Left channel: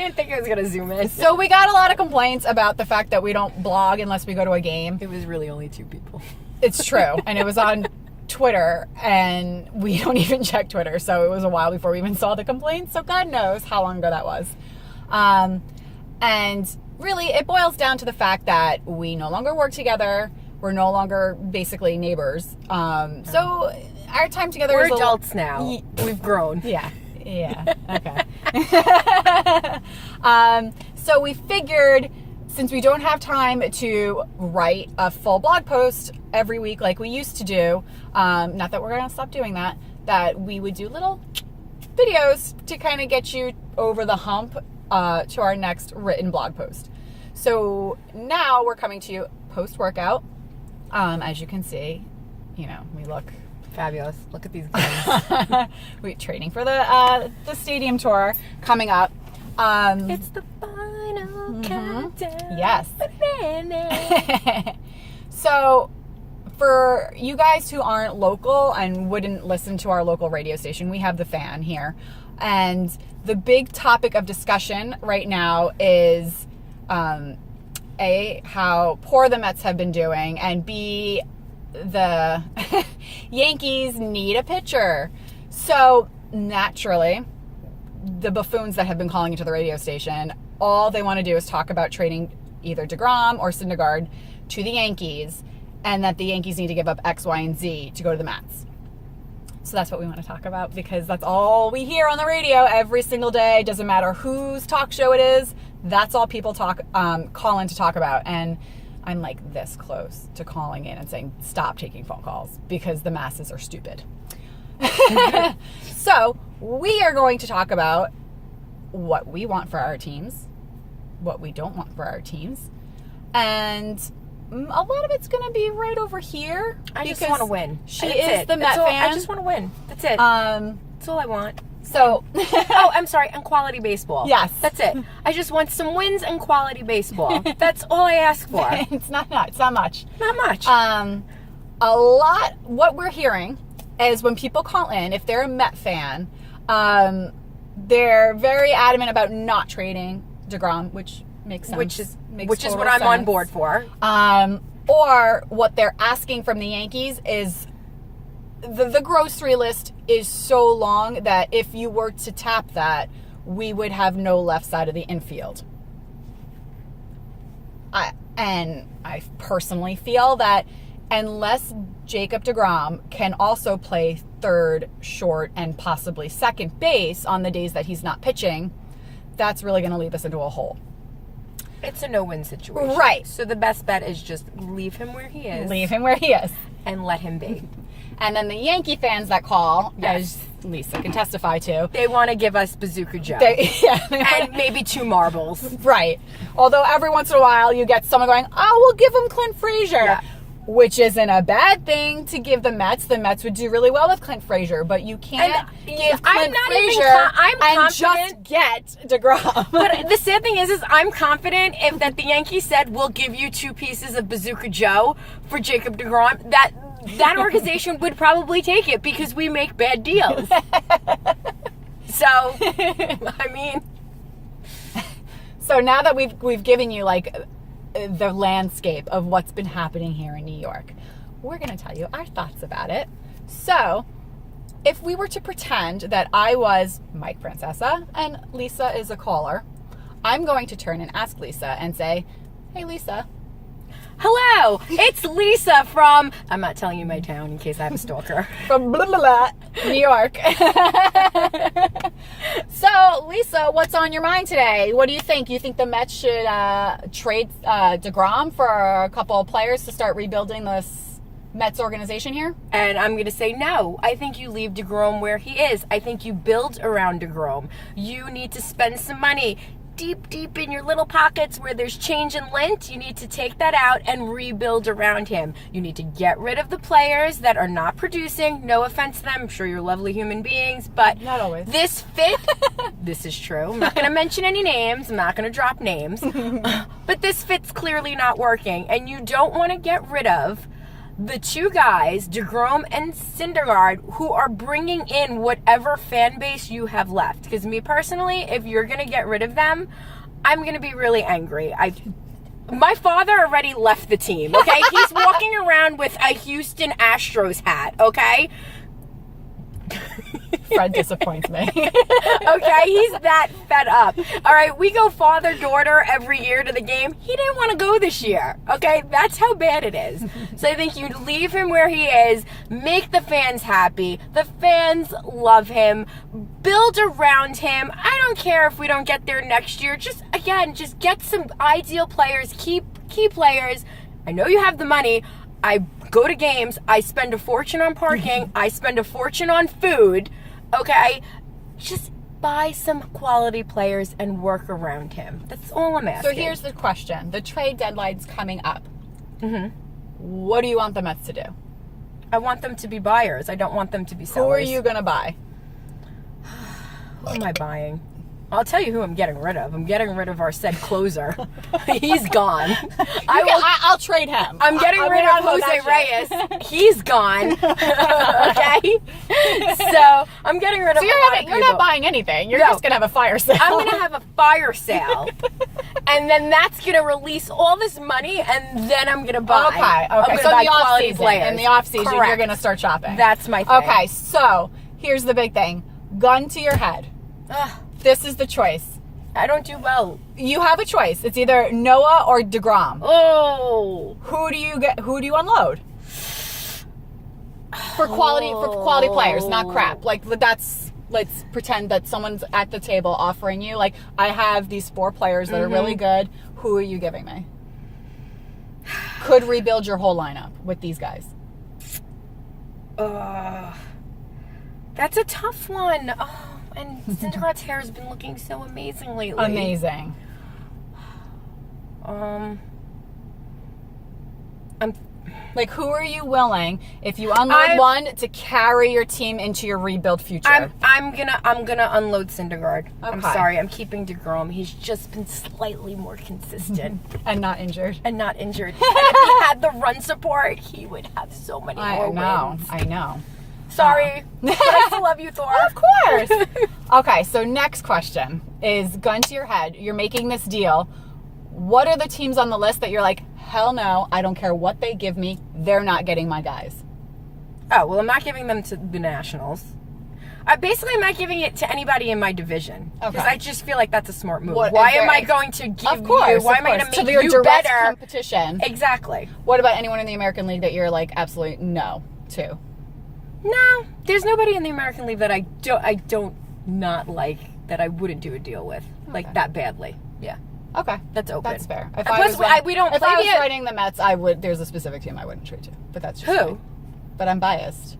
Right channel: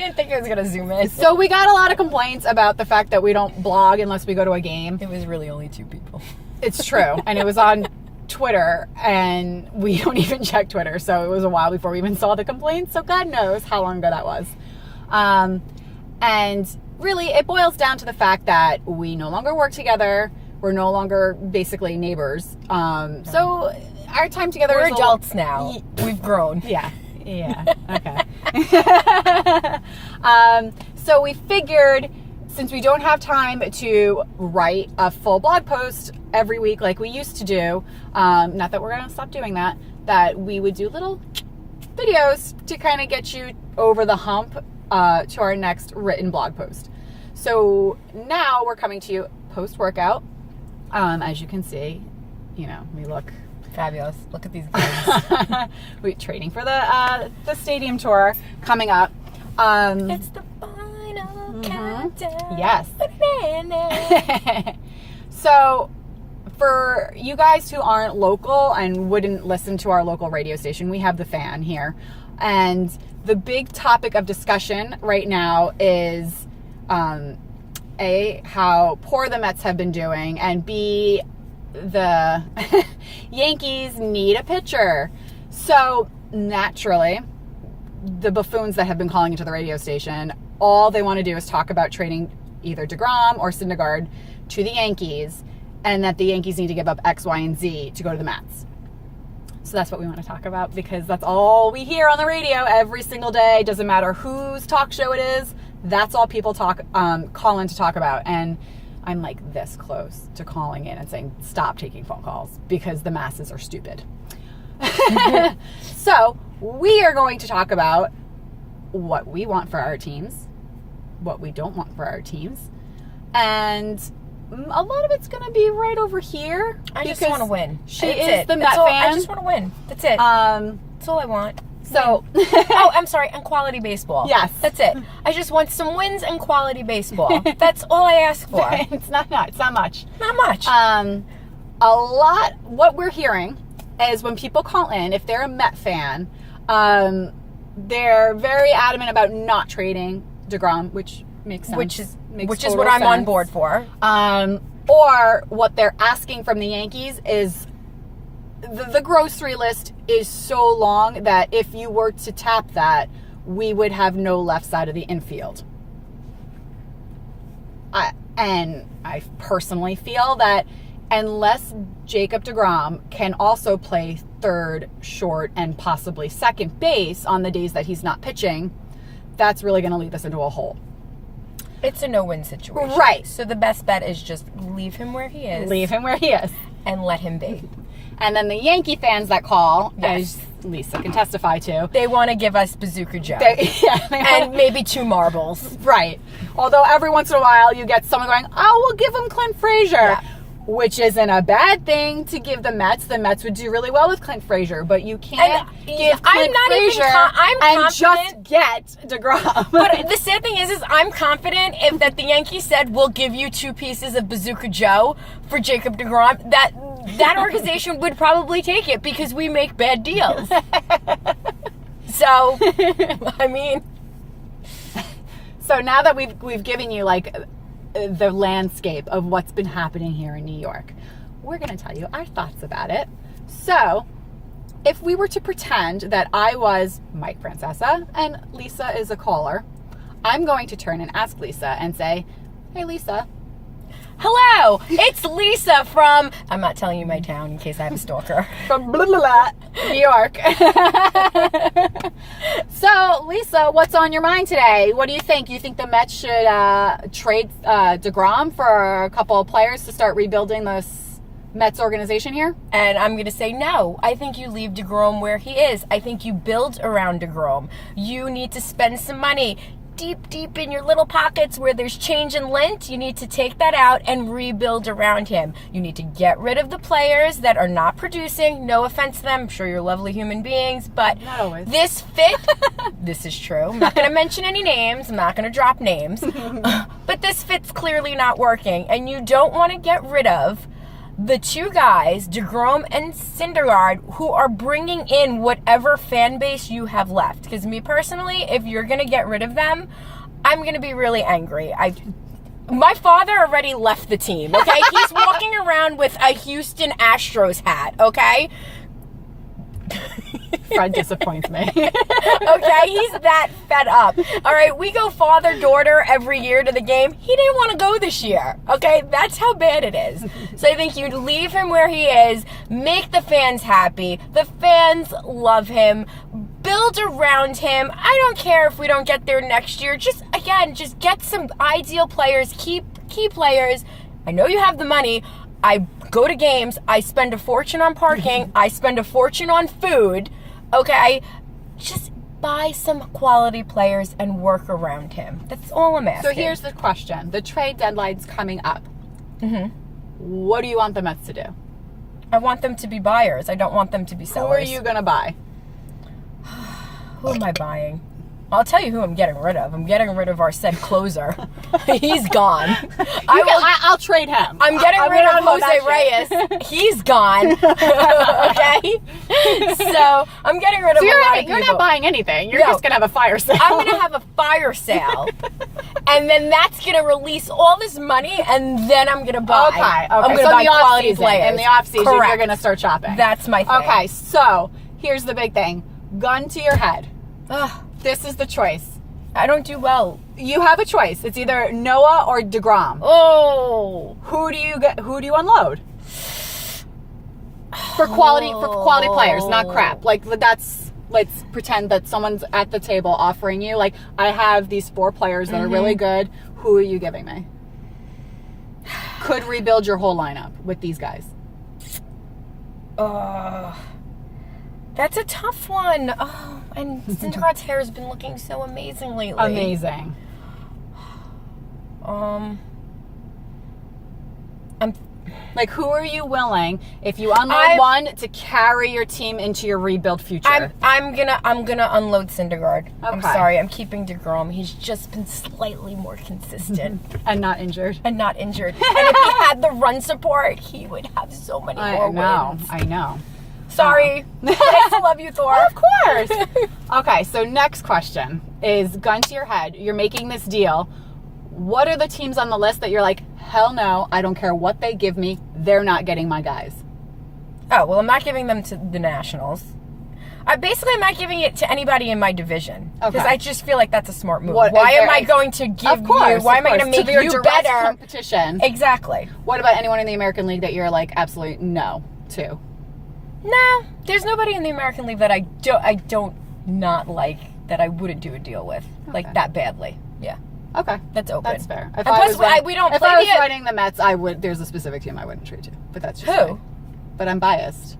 didn't think I was going to zoom in. So we got a lot of complaints about the fact that we don't blog unless we go to a game. It was really only 2 people. It's true. And it was on Twitter, and we don't even check Twitter. So it was a while before we even saw the complaints. So God knows how long ago that was. And really, it boils down to the fact that we no longer work together. We're no longer basically neighbors. So our time together We're is adults now. We've grown. Yeah. Okay. So we figured, since we don't have time to write a full blog post every week like we used to do, not that we're going to stop doing that, that we would do little videos to kind of get you over the hump to our next written blog post. So now we're coming to you post-workout. As you can see, we look fabulous. Look at these guys. We're training for the stadium tour coming up. It's the final countdown. Yes. So for you guys who aren't local and wouldn't listen to our local radio station, we have The Fan here. And the big topic of discussion right now is A, how poor the Mets have been doing, and B, the Yankees need a pitcher. So naturally, the buffoons that have been calling into the radio station, all they want to do is talk about trading either DeGrom or Syndergaard to the Yankees, and that the Yankees need to give up X, Y, and Z to go to the Mets. So that's what we want to talk about, because that's all we hear on the radio every single day. Doesn't matter whose talk show it is. That's all people call in to talk about. And I'm like this close to calling in and saying, stop taking phone calls, because the masses are stupid. So we are going to talk about what we want for our teams, what we don't want for our teams. And a lot of it's going to be right over here. I just want to win. She is the Met fan. I just want to win. That's it. That's all I want. So, I'm sorry, and quality baseball. Yes. That's it. I just want some wins and quality baseball. That's all I ask for. It's not much. Not much. What we're hearing is when people call in, if they're a Met fan, they're very adamant about not trading DeGrom, which makes sense. Which is what sense. I'm on board for. Or what they're asking from the Yankees is the grocery list is so long that if you were to tap that, we would have no left side of the infield. And I personally feel that unless Jacob DeGrom can also play third, short, and possibly second base on the days that he's not pitching, that's really going to leave us into a hole. It's a no-win situation. Right. So the best bet is just leave him where he is. Leave him where he is. And let him be. And then the Yankee fans that call, yes, as Lisa can testify to, they want to give us Bazooka Joe. And maybe 2 marbles. Right. Although every once in a while you get someone going, oh, we'll give him Clint Frazier. Yeah. Which isn't a bad thing to give the Mets. The Mets would do really well with Clint Frazier, but you can't give Clint Frazier and just get DeGrom. But the sad thing is I'm confident that the Yankees said, we'll give you 2 pieces of Bazooka Joe for Jacob DeGrom, that organization would probably take it, because we make bad deals. So, I mean. So now that we've given you the landscape of what's been happening here in New York, we're going to tell you our thoughts about it. So, if we were to pretend that I was Mike Francesa and Lisa is a caller, I'm going to turn and ask Lisa and say, hey, Lisa. Hello, it's Lisa from, I'm not telling you my town in case I have a stalker. From blah, blah, blah, New York. So, Lisa, what's on your mind today? What do you think? You think the Mets should trade DeGrom for a couple of players to start rebuilding the Mets organization here? And I'm going to say no. I think you leave DeGrom where he is. I think you build around DeGrom. You need to spend some money. Deep in your little pockets where there's change and lint, you need to take that out and rebuild around him. You need to get rid of the players that are not producing. No offense to them. I'm sure you're lovely human beings, but not always. This fit, this is true. I'm not going to mention any names. I'm not going to drop names. But this fit's clearly not working, and you don't want to get rid of the two guys, DeGrom and Syndergaard, who are bringing in whatever fan base you have left. Because me personally, if you're going to get rid of them, I'm going to be really angry. My father already left the team, okay? He's walking around with a Houston Astros hat, okay? Fred disappoints me. Okay, he's that fed up. All right, we go father-daughter every year to the game. He didn't want to go this year, okay? That's how bad it is. So I think you'd leave him where he is, make the fans happy. The fans love him. Build around him. I don't care if we don't get there next year. Just get some ideal players, key players. I know you have the money. I go to games. I spend a fortune on parking. I spend a fortune on food. Okay? Just buy some quality players and work around him. That's all I'm asking. So here's the question. The trade deadline's coming up. Mm-hmm. What do you want the Mets to do? I want them to be buyers. I don't want them to be sellers. Who are you going to buy? Who am I buying? I'll tell you who I'm getting rid of. I'm getting rid of our said closer. He's gone. I'll trade him. I'm getting rid of Jose Reyes. He's gone. Okay? So I'm getting rid of You're not buying anything. You're just going to have a fire sale. I'm going to have a fire sale. And then that's going to release all this money, and then I'm going to buy. Okay. I'm going to So buy quality players. in the off-season, Correct. you're going to start shopping. That's my thing. Okay, so here's the big thing. Gun to your head. Ugh, This is the choice. I don't do well. You have a choice. It's either Noah or DeGrom. Oh. Who do you unload? For quality players, not crap. Like let's pretend that someone's at the table offering you, like, I have these 4 players that are really good. Who are you giving me? Could rebuild your whole lineup with these guys. That's a tough one. Oh, and Syndergaard's hair has been looking so amazing lately. Amazing. Like, who are you willing, if you unload one, to carry your team into your rebuild future? I'm gonna unload Syndergaard. Okay. I'm sorry. I'm keeping DeGrom. He's just been slightly more consistent And not injured. and not injured. And if he had the run support, he would have so many more wins. I know. Sorry, but I still love you, Thor. Of course. Okay, so next question is, gun to your head. You're making this deal. What are the teams on the list that you're like, hell no, I don't care what they give me, they're not getting my guys? Oh, well, I'm not giving them to the Nationals. I'm not giving it to anybody in my division. Because I just feel like that's a smart move. Why am I going to give you? Why am I going to make you direct better? Competition. Exactly. What about anyone in the American League that you're like, absolutely no to? No, there's nobody in the American League that I don't not like, that I wouldn't do a deal with like that badly. Yeah. Okay, That's open. That's fair. If I was running the Mets, I would. There's a specific team I wouldn't trade to, but that's just who. me. But I'm biased.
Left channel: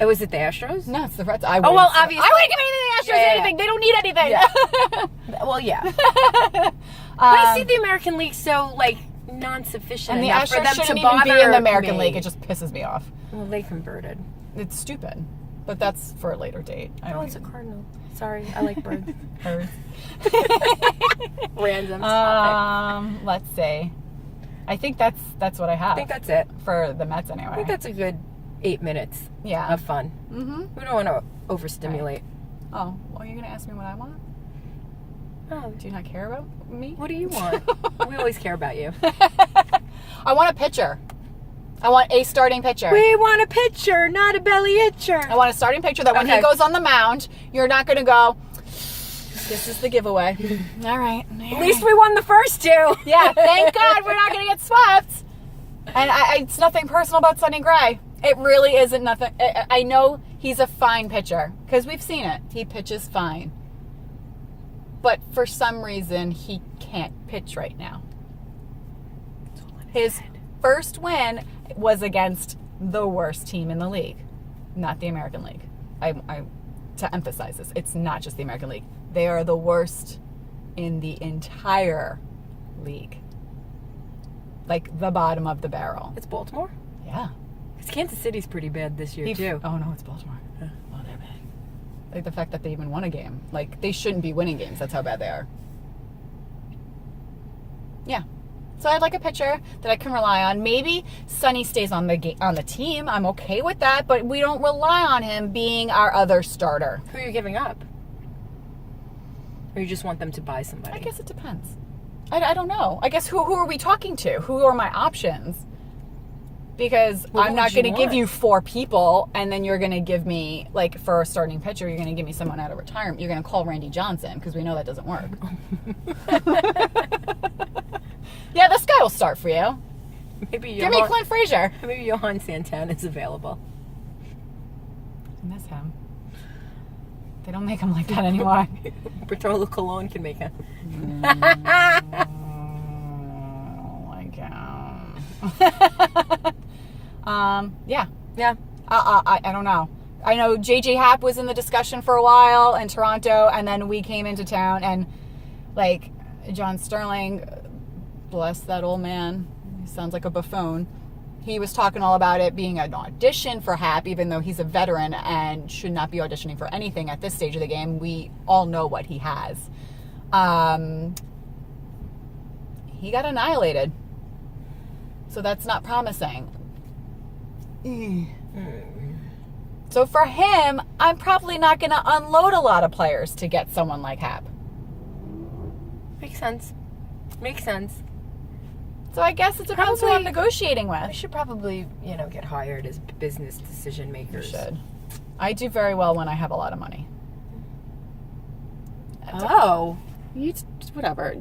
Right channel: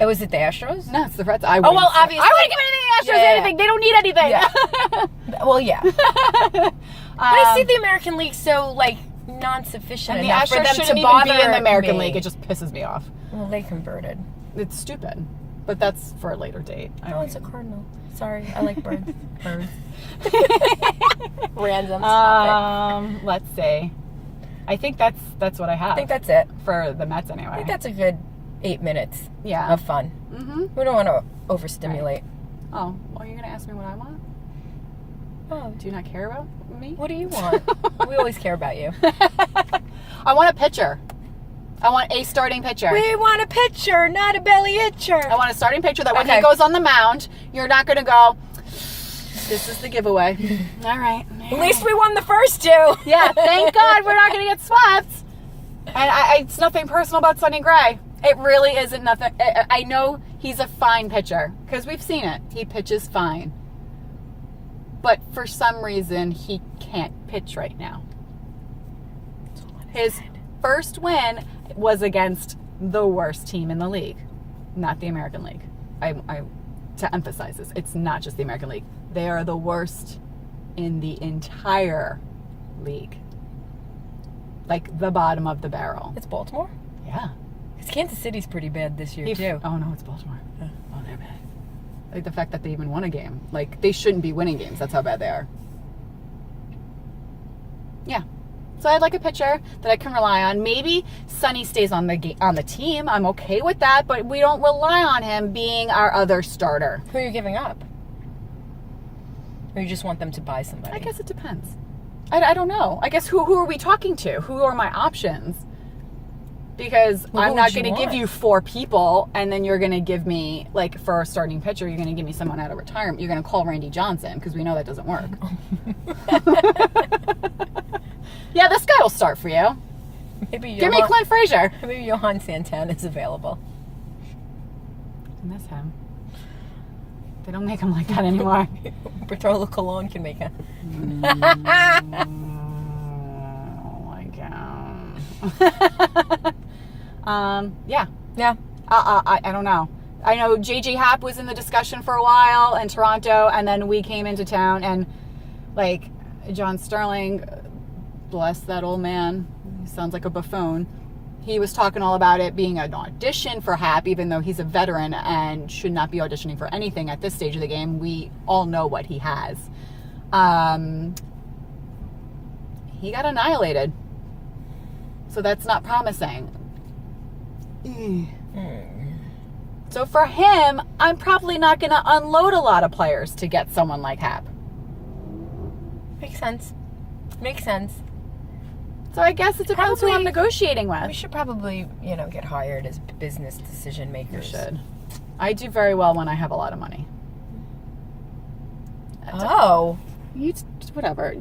Oh, is it the Astros? No, it's the Reds. Oh, well, obviously. I wouldn't give anything to the Astros. Anything. They don't need anything. Yeah. Well, yeah. But I see the American League so like non-sufficient And the enough for Astros them shouldn't to even bother be in the American me. League. It just pisses me off. Well, they converted. It's stupid, but that's for a later date. Oh, it's a cardinal. Sorry, I like birds. Birds. Random topic. Let's see. I think that's what I have. I think that's it. For the Mets anyway. I think that's a good 8 minutes of fun. Mm-hmm. We don't want to overstimulate. Oh, well, you're going to ask me what I want? Oh, Do you not care about me? what do you want? We always care about you. I want a pitcher. I want a starting pitcher. We want a pitcher, not a belly itcher. I want a starting pitcher that when he goes on the mound, you're not going to go, this is the giveaway. All right. At least we won the first 2. Yeah, thank God we're not going to get swept. And it's nothing personal about Sonny Gray. It really isn't nothing. I know he's a fine pitcher because we've seen it. He pitches fine. But for some reason, he can't pitch right now. His first win was against the worst team in the league, not the American League. To emphasize this, it's not just the American League. They are the worst in the entire league. Like the bottom of the barrel. It's Baltimore? Yeah. Because Kansas City's pretty bad this year, too. Oh, no, it's Baltimore. Yeah. Oh, they're bad. Like the fact that they even won a game. Like, they shouldn't be winning games. That's how bad they are. Yeah. So I'd like a pitcher that I can rely on. Maybe Sonny stays on the team. I'm okay with that, but we don't rely on him being our other starter. Who are you giving up? Or you just want them to buy somebody? I guess it depends. I don't know. I guess who are we talking to? Who are my options? Because I'm not going to give you 4 people, and then you're going to give me, like, for a starting pitcher, you're going to give me someone out of retirement. You're going to call Randy Johnson, because we know that doesn't work. Yeah, this guy will start for you. Maybe Give me Clint Frazier. Maybe Johan Santana is available. I miss him. They don't make him like that anymore. Bertolo Colon can make it. Oh my god. Yeah. I don't know. I know JJ Happ was in the discussion for a while in Toronto, and then we came into town, and like John Sterling, bless that old man, he sounds like a buffoon. He was talking all about it being an audition for Happ, even though he's a veteran and should not be auditioning for anything at this stage of the game. We all know what he has. He got annihilated. So that's not promising. So for him, I'm probably not going to unload a lot of players to get someone like Happ. Makes sense. Makes sense. So I guess it depends who I'm negotiating with. We should probably, get hired as business decision makers. We should. I do very well when I have a lot of money. Oh. Whatever.